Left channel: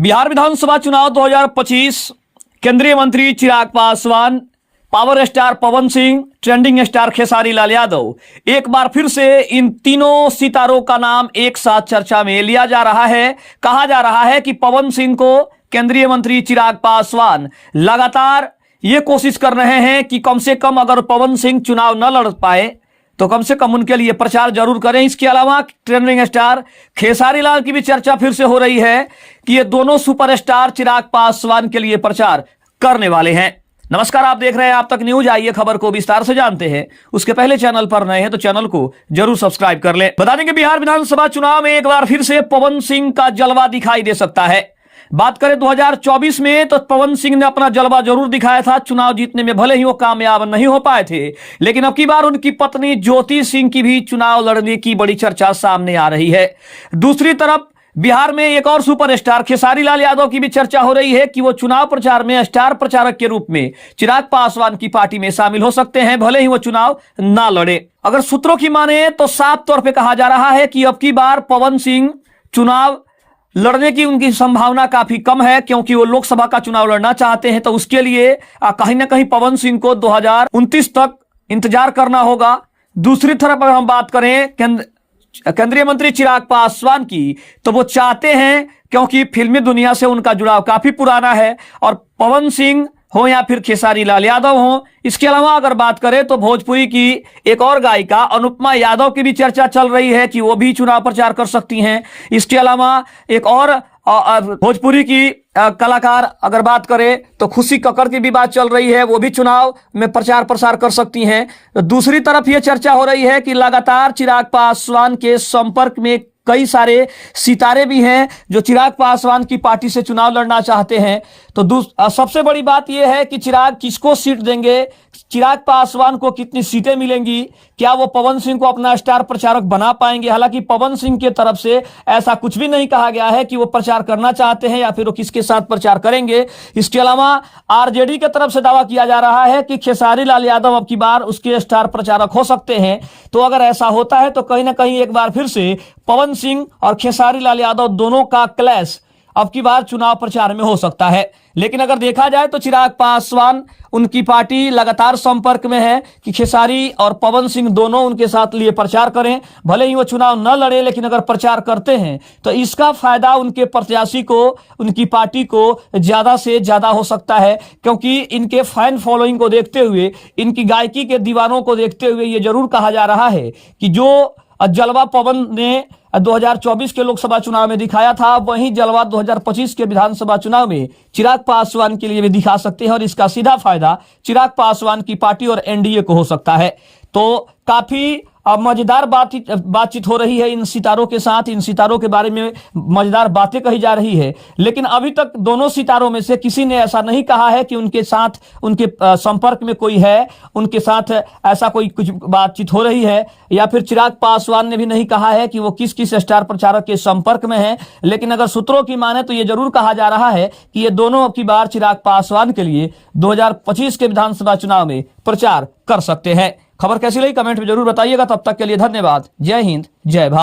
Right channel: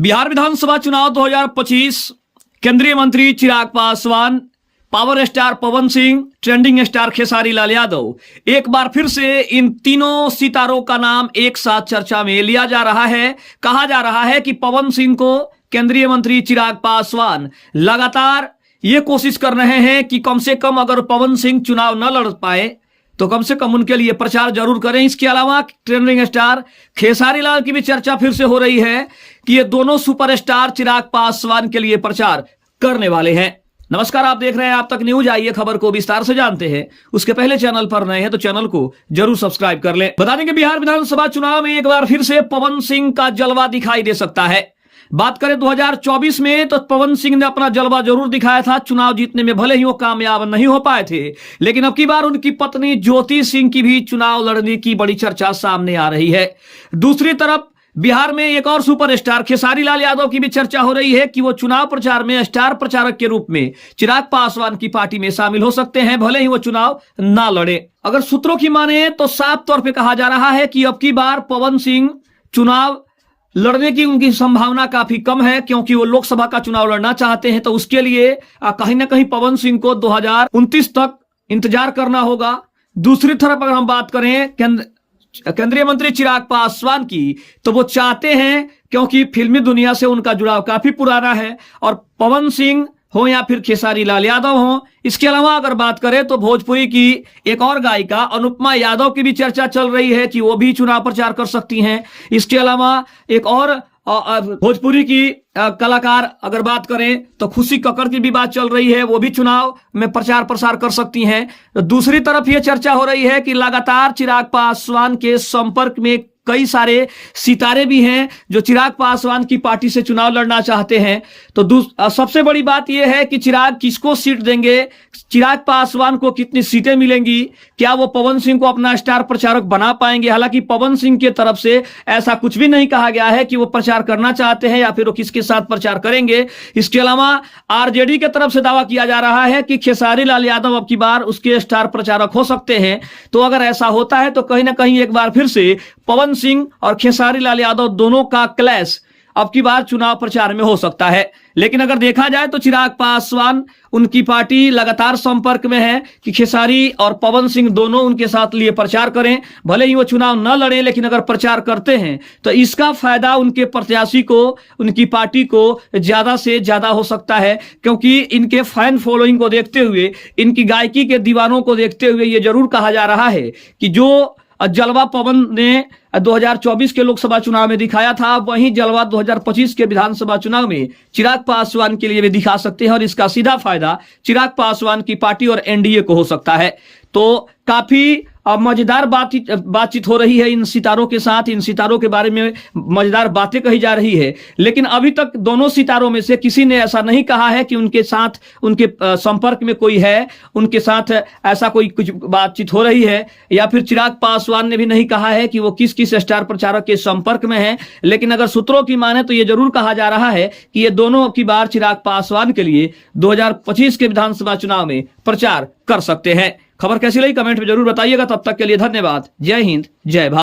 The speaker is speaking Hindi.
बिहार विधानसभा चुनाव 2025, केंद्रीय मंत्री Chirag Paswan, power star Pawan Singh, trending star Khesari Lal Yadav, एक बार फिर से इन तीनों सितारों का नाम एक साथ चर्चा में लिया जा रहा है। कहा जा रहा है कि पवन सिंह को केंद्रीय मंत्री चिराग पासवान लगातार ये कोशिश कर रहे हैं कि कम से कम अगर पवन सिंह चुनाव न लड़ पाए तो कम से कम उनके लिए प्रचार जरूर करें। इसके अलावा ट्रेंडिंग स्टार खेसारी लाल की भी चर्चा फिर से हो रही है कि ये दोनों सुपरस्टार चिराग पासवान के लिए प्रचार करने वाले हैं। नमस्कार, आप देख रहे हैं आप तक न्यूज। आइए खबर को विस्तार से जानते हैं। उसके पहले चैनल पर नए हैं तो चैनल को जरूर सब्सक्राइब कर लें। बता दें कि बिहार विधानसभा चुनाव में एक बार फिर से पवन सिंह का जलवा दिखाई दे सकता है। बात करें 2024 में तो पवन सिंह ने अपना जलवा जरूर दिखाया था। चुनाव जीतने में भले ही वो कामयाब नहीं हो पाए थे, लेकिन अब की बार उनकी पत्नी ज्योति सिंह की भी चुनाव लड़ने की बड़ी चर्चा सामने आ रही है। दूसरी तरफ बिहार में एक और सुपरस्टार खेसारी लाल यादव की भी चर्चा हो रही है कि वो चुनाव प्रचार में स्टार प्रचारक के रूप में चिराग पासवान की पार्टी में शामिल हो सकते हैं, भले ही वो चुनाव ना लड़े। अगर सूत्रों की माने तो साफ तौर पर कहा जा रहा है कि अब की बार पवन सिंह चुनाव लड़ने की उनकी संभावना काफी कम है, क्योंकि वो लोकसभा का चुनाव लड़ना चाहते हैं। तो उसके लिए कहीं ना कहीं पवन सिंह को 2029 तक इंतजार करना होगा। दूसरी तरफ अगर हम बात करें केंद्रीय मंत्री चिराग पासवान की, तो वो चाहते हैं, क्योंकि फिल्मी दुनिया से उनका जुड़ाव काफी पुराना है, और पवन सिंह हो या फिर खेसारी लाल यादव हो। इसके अलावा अगर बात करें तो भोजपुरी की एक और गायिका अनुपमा यादव की भी चर्चा चल रही है कि वो भी चुनाव प्रचार कर सकती हैं। इसके अलावा एक और भोजपुरी की कलाकार अगर बात करें तो खुशी कक्कड़ की भी बात चल रही है, वो भी चुनाव में प्रचार प्रसार कर सकती हैं। तो दूसरी तरफ ये चर्चा हो रही है कि लगातार चिराग पासवान के संपर्क में कई सारे सितारे भी हैं जो चिराग पासवान की पार्टी से चुनाव लड़ना चाहते हैं। तो सबसे बड़ी बात यह है कि चिराग किसको सीट देंगे, चिराग पासवान को कितनी सीटें मिलेंगी, क्या वो पवन सिंह को अपना स्टार प्रचारक बना पाएंगे। हालांकि पवन सिंह की तरफ से ऐसा कुछ भी नहीं कहा गया है कि वो प्रचार करना चाहते हैं या फिर वो किसके साथ प्रचार करेंगे। इसके अलावा आरजेडी की तरफ से दावा किया जा रहा है कि खेसारी लाल यादव अब की बार उसके स्टार प्रचारक हो सकते हैं। तो अगर ऐसा होता है तो कहीं ना कहीं एक बार फिर से पवन सिंह और खेसारी लाल यादव दोनों का क्लैश अब की बार चुनाव प्रचार में हो सकता है। लेकिन अगर देखा जाए तो चिराग पासवान उनकी पार्टी लगातार संपर्क में है कि खेसारी और पवन सिंह दोनों उनके साथ लिए प्रचार करें। भले ही वो चुनाव न लड़े, लेकिन अगर प्रचार करते हैं तो इसका फायदा उनके प्रत्याशी को, उनकी पार्टी को ज्यादा से ज्यादा हो सकता है, क्योंकि इनके फैन फॉलोइंग को देखते हुए, इनकी गायकी के दीवानों को देखते हुए ये जरूर कहा जा रहा है कि जो जलवा पवन ने 2024 के लोकसभा चुनाव में दिखाया था, वहीं जलवा 2025 के विधानसभा चुनाव में चिराग पासवान के लिए भी दिखा सकते हैं, और इसका सीधा फायदा चिराग पासवान की पार्टी और एनडीए को हो सकता है। तो काफी मजेदार बातचीत हो रही है इन सितारों के साथ। इन सितारों के बारे में मजेदार बातें कही जा रही है, लेकिन अभी तक दोनों सितारों में से किसी ने ऐसा नहीं कहा है कि उनके साथ, उनके संपर्क में कोई है, उनके साथ ऐसा कोई कुछ बातचीत हो रही है, या फिर चिराग पासवान ने भी नहीं कहा है कि वो किस किस स्टार प्रचारक के संपर्क में है। लेकिन अगर सूत्रों की माने तो ये जरूर कहा जा रहा है कि ये दोनों अब की बार चिराग पासवान के लिए 2025 के विधानसभा चुनाव में प्रचार कर सकते हैं। खबर कैसी लगी कमेंट में जरूर बताइएगा। तब तक के लिए धन्यवाद। जय हिंद, जय भारत।